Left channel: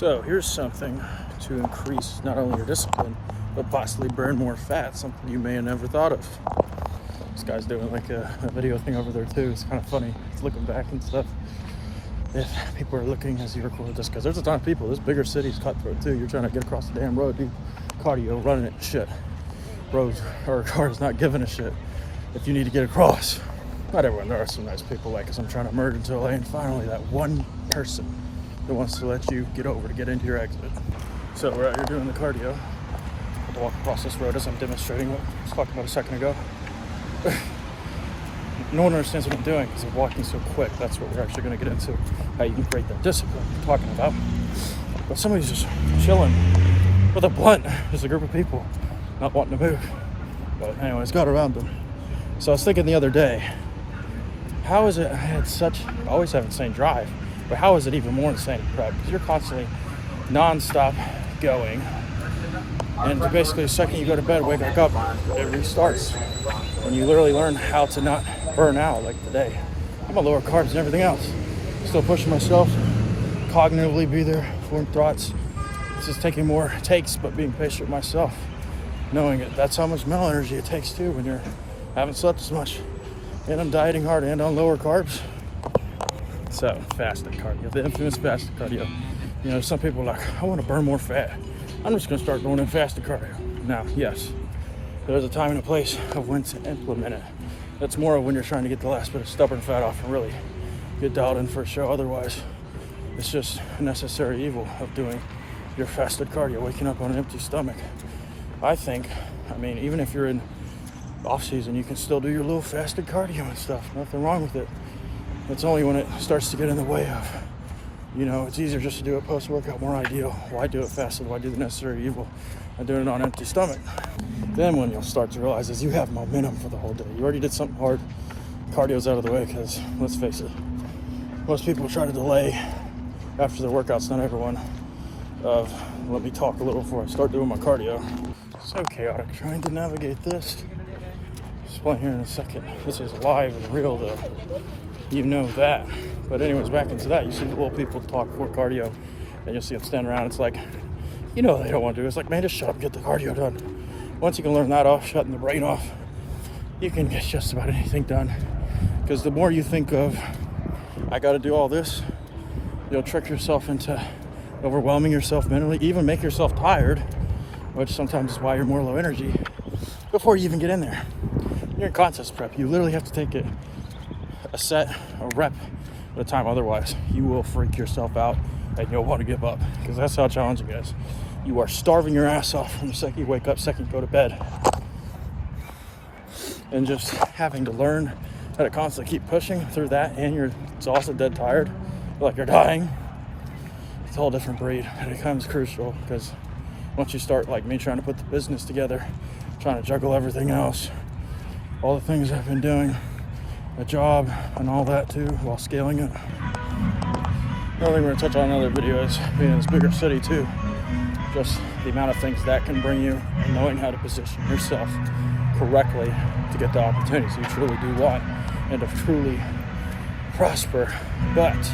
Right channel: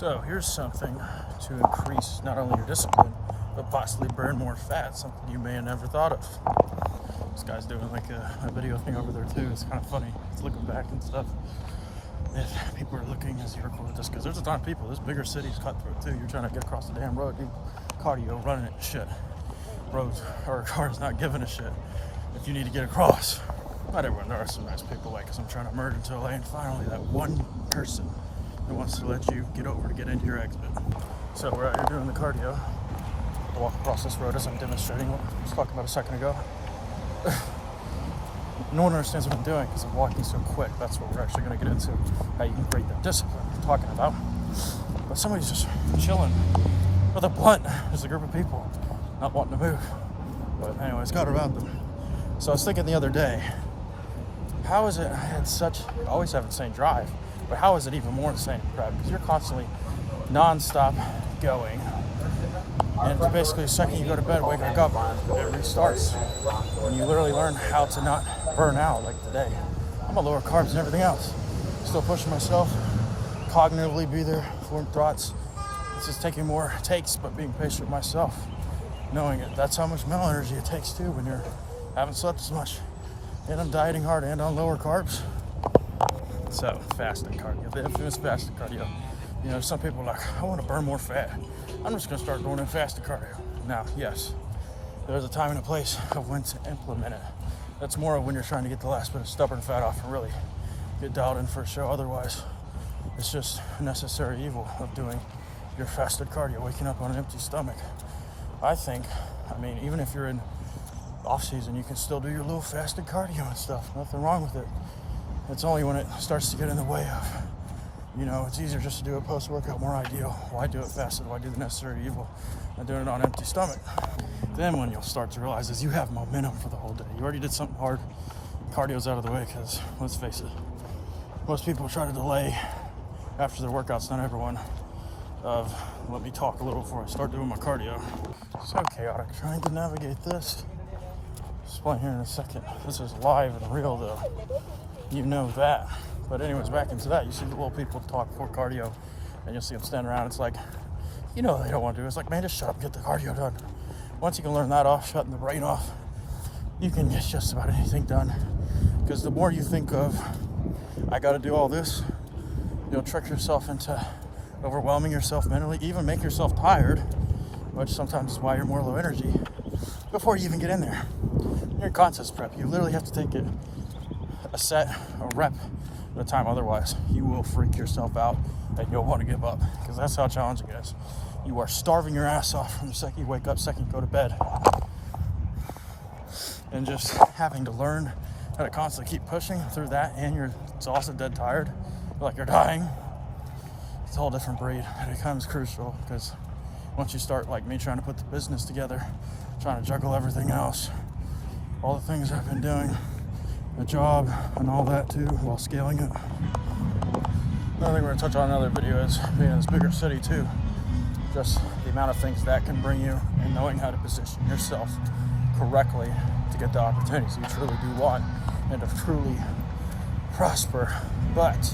So here's something to increase not only your discipline, but possibly burn more fat, something you may have never thought of. This guy's doing like a video thing over there too. It's kind of funny. It's looking back and stuff. If people are looking as you record this, because there's a ton of people. This bigger city's cutthroat too. You're trying to get across the damn road, dude. Cardio, running it, shit. Roads or cars not giving a shit if you need to get across. Not everyone. There are some nice people like us. I'm trying to merge into a lane. Finally, that one person that wants to let you get over to get into your exit. So we're out here doing the cardio. I have to walk across this road as I'm demonstrating what I was talking about a second ago. No one understands what I'm doing because I'm walking so quick. That's what we're actually going to get into, how you can create that discipline we're talking about. But somebody's just chilling with a blunt. There's a group of people not wanting to move. But anyways, got around them. So I was thinking the other day, how is it, I always have insane drive, but how is it even more insane in prep? Because you're constantly non-stop going. And basically the second you go to bed, wake back up, it restarts. And you literally learn how to not burn out like today. I'm on lower carbs and everything else. Still pushing myself, cognitively be there, form thoughts. It's just taking more takes, but being patient with myself. Knowing it, that's how much mental energy it takes too when you're haven't slept as much. And I'm dieting hard and on lower carbs. So, fasted cardio, the infamous fasted cardio. You know, some people are like, I want to burn more fat. I'm just going to start going in fasted cardio. Now, yes, there's a time and a place of when to implement it. That's more of when you're trying to get the last bit of stubborn fat off and really get dialed in for a show. Otherwise, it's just a necessary evil of doing your fasted cardio, waking up on an empty stomach. I think, even if you're in off season, you can still do your little fasted cardio and stuff. Nothing wrong with it. It's only when it starts to get in the way of, it's easier just to do it post-workout, more ideal. Why do it fasted? Why do the necessary evil and doing it on an empty stomach? Then when you'll start to realize is you have momentum for the whole day. You already did something hard. Cardio's out of the way because, let's face it, most people try to delay after their workouts, not everyone, of let me talk a little before I start doing my cardio. So chaotic trying to navigate this. Explain here in a second. This is live and real though. You know that. But anyways, back into that. You see the little people talk for cardio and you'll see them stand around. It's like, they don't want to do it. It's like, man, just shut up and get the cardio done. Once you can learn that off, shutting the brain off, you can get just about anything done. Because the more you think of, I got to do all this, you'll trick yourself into overwhelming yourself mentally, even make yourself tired, which sometimes is why you're more low energy, before you even get in there. You're in contest prep. You literally have to take it a set, a rep at a time. Otherwise, you will freak yourself out and you'll want to give up because that's how challenging it is. You are starving your ass off from the second you wake up, second you go to bed. And just having to learn how to constantly keep pushing through that and you're exhausted, dead tired, like you're dying. It's a whole different breed. It becomes crucial because once you start like me trying to put the business together, trying to juggle everything else, all the things I've been doing, a job and all that too, while scaling it. Another thing we're gonna touch on in another video is being in this bigger city too. Just the amount of things that can bring you and knowing how to position yourself correctly to get the opportunities you truly do want and to truly prosper. But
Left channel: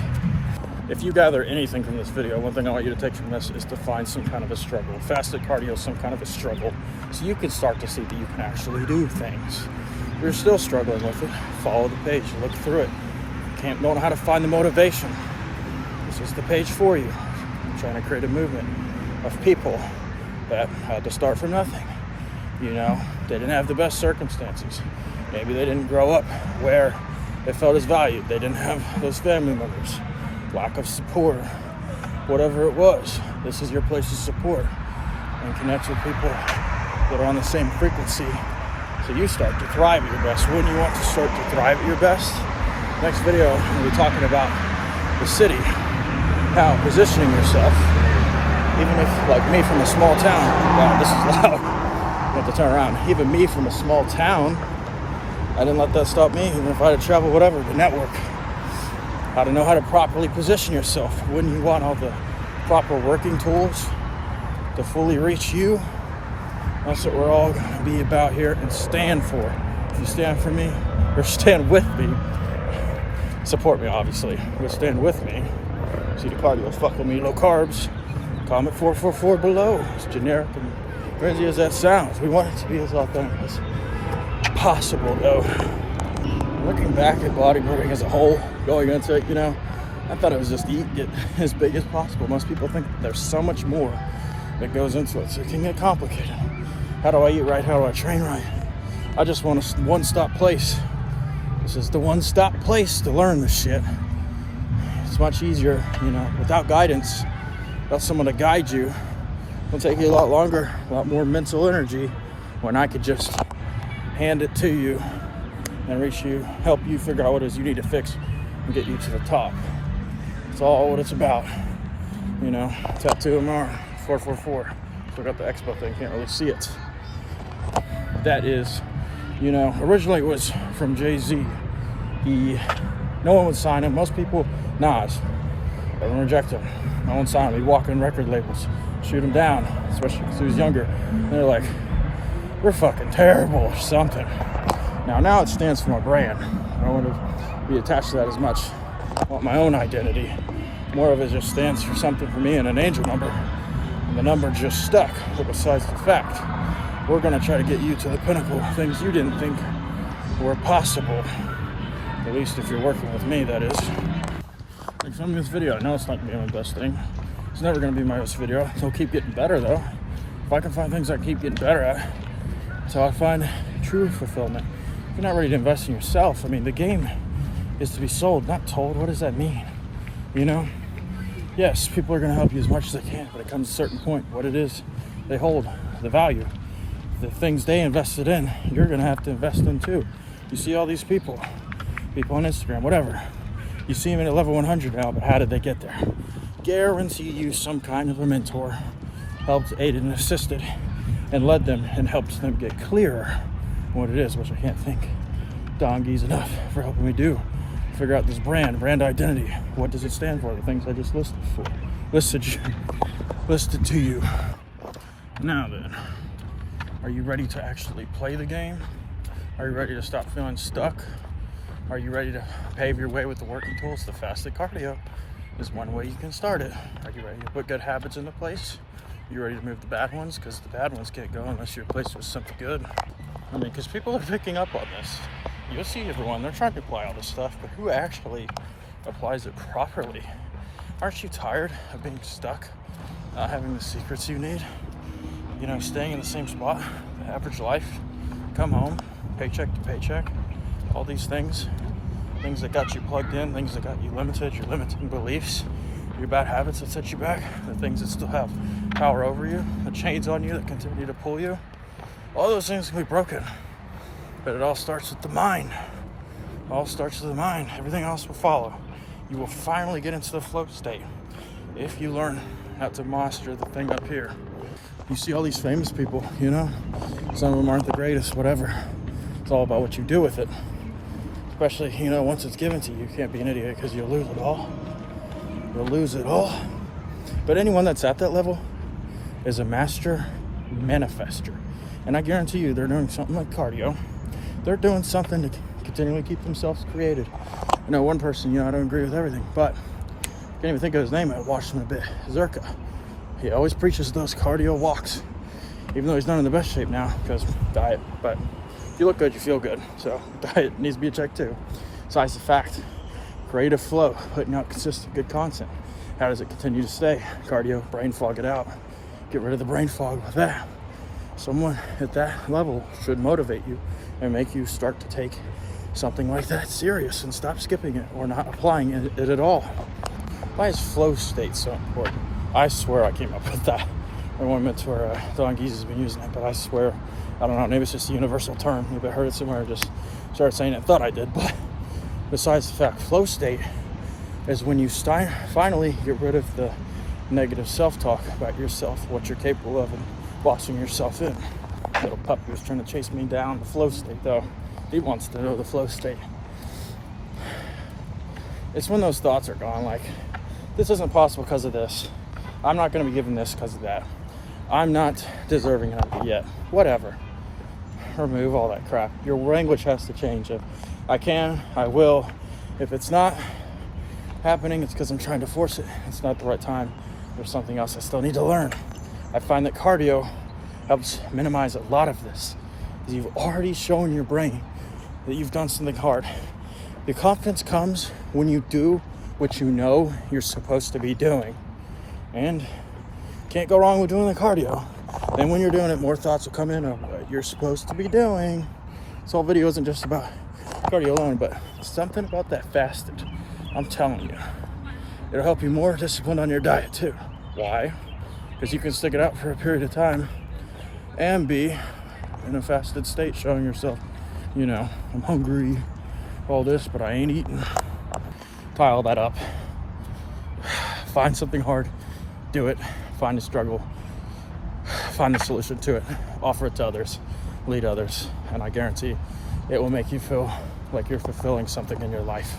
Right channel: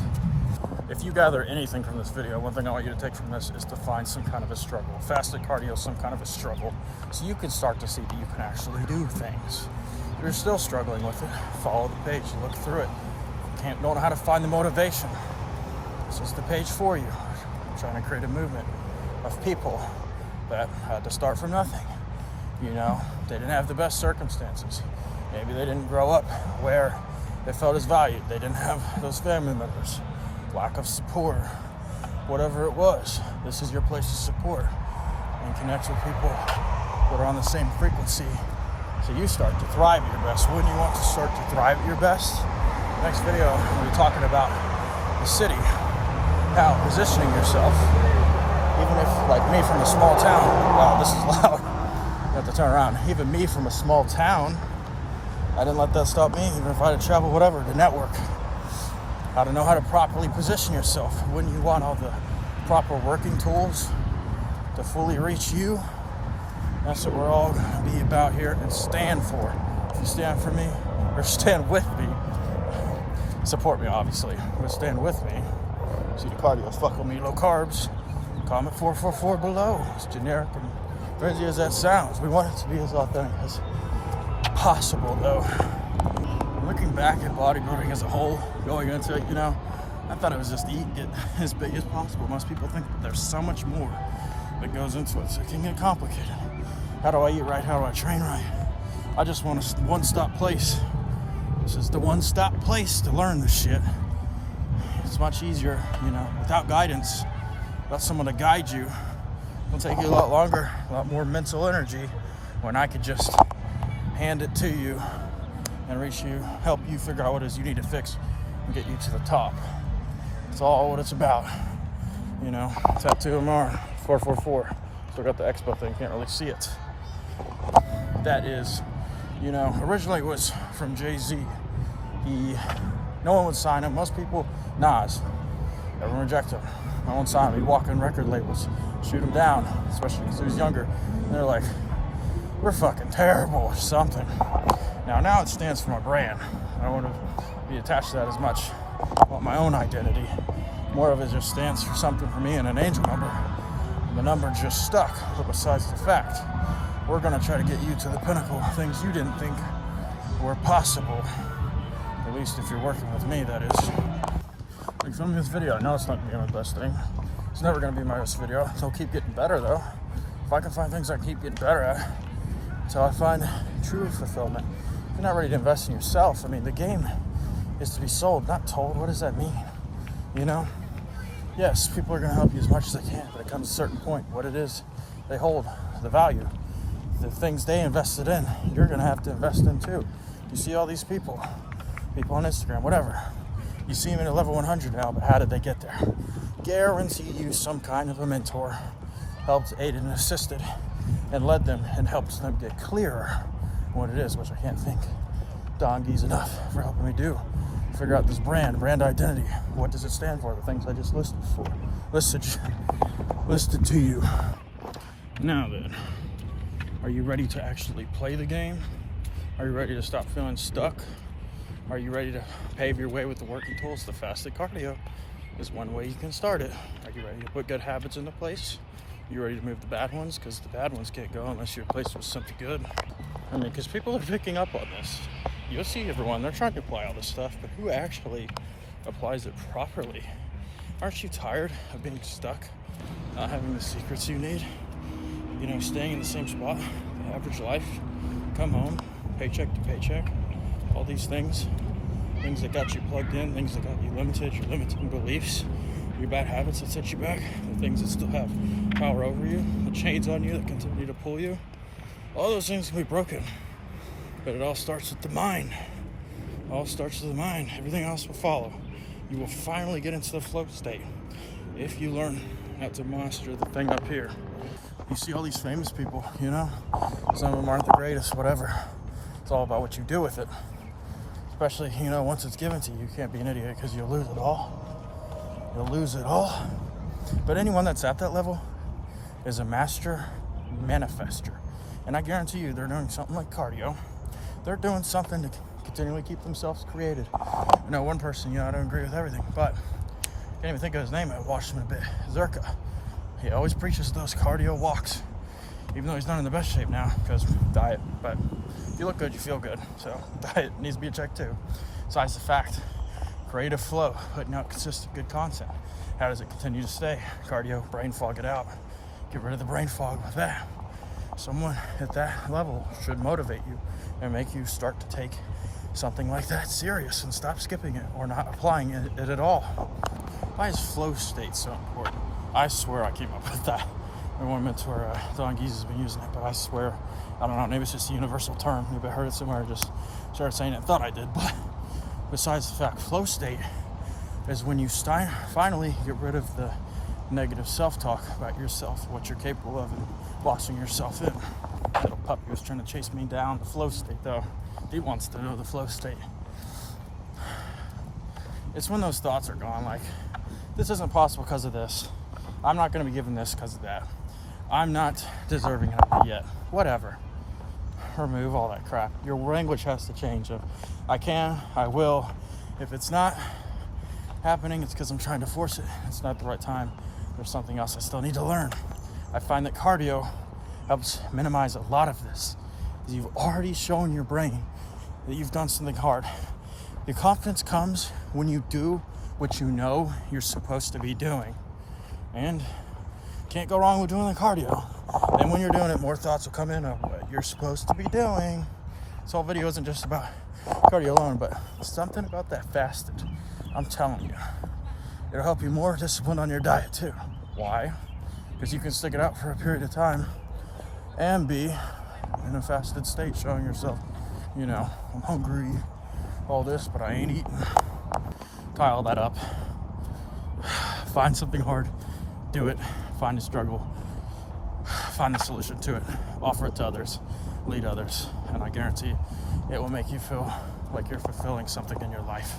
if you gather anything from this video, one thing I want you to take from this is to find some kind of a struggle. Fasted cardio is some kind of a struggle. So you can start to see that you can actually do things. If you're still struggling with it, follow the page, look through it. Don't know how to find the motivation. This is the page for you. I'm trying to create a movement of people that had to start from nothing. They didn't have the best circumstances. Maybe they didn't grow up where they felt as valued. They didn't have those family members. Lack of support, whatever it was. This is your place to support and connect with people that are on the same frequency so you start to thrive at your best. Wouldn't you want to start to thrive at your best? Next video, I'm going to be talking about the city, how positioning yourself, even if, like me from a small town, wow, this is loud, I have to turn around. Even me from a small town, I didn't let that stop me, even if I had to travel, whatever, to network. How to know how to properly position yourself. Wouldn't you want all the proper working tools to fully reach you? That's what we're all going to be about here and stand for. If you stand for me, or stand with me, support me obviously, but stand with me, See, the cardio is fuck with me. Low carbs. Comment 444 below. As generic and crazy as that sounds, we want it to be as authentic as possible, though. Looking back at bodybuilding as a whole, going into it, I thought it was just eat, get as big as possible. Most people think that there's so much more that goes into it, so it can get complicated. How do I eat right? How do I train right? I just want a one-stop place. This is the one-stop place to learn this shit. It's much easier, without guidance, without someone to guide you. It'll take you a lot longer, a lot more mental energy when I could just hand it to you and help you figure out what it is you need to fix and get you to the top. It's all what it's about. Tattoo them on 444. So we got the expo thing, can't really see it. That is, originally it was from Jay-Z. No one would sign him. Most people, Nas, everyone reject him. No one signed him. He'd walk in record labels, shoot him down, especially because he was younger. And they're like, we're fucking terrible or something. Now it stands for my brand. I don't want to be attached to that as much. I want my own identity. More of it just stands for something for me and an angel number. And the number just stuck. But besides the fact, we're going to try to get you to the pinnacle. Things you didn't think were possible. At least if you're working with me, that is. Like filming this video, I know it's not going to be my best thing. It's never going to be my best video. It'll keep getting better, though. If I can find things I can keep getting better at, that's how I find true fulfillment. If you're not ready to invest in yourself, the game is to be sold, not told. What does that mean? Yes, people are going to help you as much as they can, but it comes to a certain point. What it is they hold, the value, the things they invested in, you're going to have to invest in too. You see all these people on Instagram, whatever. You see them at level 100 now, but how did they get there? Guarantee you some kind of a mentor helped, aided, and assisted, and led them and helped them get clearer what it is, which I can't think. Dongi's enough for helping me figure out this brand identity. What does it stand for? The things I just listed to you. Now then, are you ready to actually play the game? Are you ready to stop feeling stuck? Are you ready to pave your way with the working tools? The fasted cardio is one way you can start it. Are you ready to put good habits into place? Are you ready to move the bad ones? Because the bad ones can't go unless you're replaced with something good. Because people are picking up on this. You'll see everyone, they're trying to apply all this stuff, but who actually applies it properly? Aren't you tired of being stuck, not having the secrets you need? Staying in the same spot, the average life, come home, paycheck to paycheck, all these things that got you plugged in, things that got you limited, your limiting beliefs, your bad habits that set you back, the things that still have power over you, the chains on you that continue to pull you. All those things can be broken, but it all starts with the mind. Everything else will follow. You will finally get into the flow state if you learn how to master the thing up here. You see all these famous people, some of them aren't the greatest, whatever. It's all about what you do with it. Especially, once it's given to you, you can't be an idiot because you'll lose it all. But anyone that's at that level is a master manifester. And I guarantee you, they're doing something like cardio. They're doing something to continually keep themselves created. One person, I don't agree with everything, but I can't even think of his name. I watched him a bit. Zerka. He always preaches those cardio walks, even though he's not in the best shape now because diet. But if you look good, you feel good. So diet needs to be a check too. Besides the fact, creative flow, putting out consistent good content. How does it continue to stay? Cardio, brain fog it out. Get rid of the brain fog with that. Someone at that level should motivate you and make you start to take something like that serious and stop skipping it or not applying it at all. Why is flow state so important? I swear I came up with that. My one mentor, Don Geese, has been using it, but I swear, I don't know, maybe it's just a universal term. Maybe I heard it somewhere and just started saying it and thought I did. But besides the fact, flow state is when you finally get rid of the negative self-talk about yourself, what you're capable of, and bossing yourself in. Little puppy was trying to chase me down the flow state, though. He wants to know the flow state. It's when those thoughts are gone, like, this isn't possible because of this. I'm not going to be given this because of that. I'm not deserving of it yet. Whatever. Remove all that crap. Your language has to change. If I can, I will. If it's not, happening, it's because I'm trying to force it. It's not the right time. There's something else I still need to learn. I find that cardio helps minimize a lot of this. You've already shown your brain that you've done something hard. The confidence comes when you do what you know you're supposed to be doing. And can't go wrong with doing the cardio. Then when you're doing it, more thoughts will come in of what you're supposed to be doing. This whole video isn't just about cardio alone, but something about that fasted. I'm telling you, it'll help you more disciplined on your diet too. Why? Because you can stick it out for a period of time and be in a fasted state, showing yourself, I'm hungry, all this, but I ain't eating. Tie all that up. Find something hard, do it, find a struggle, find a solution to it, offer it to others, lead others, and I guarantee it will make you feel like you're fulfilling something in your life.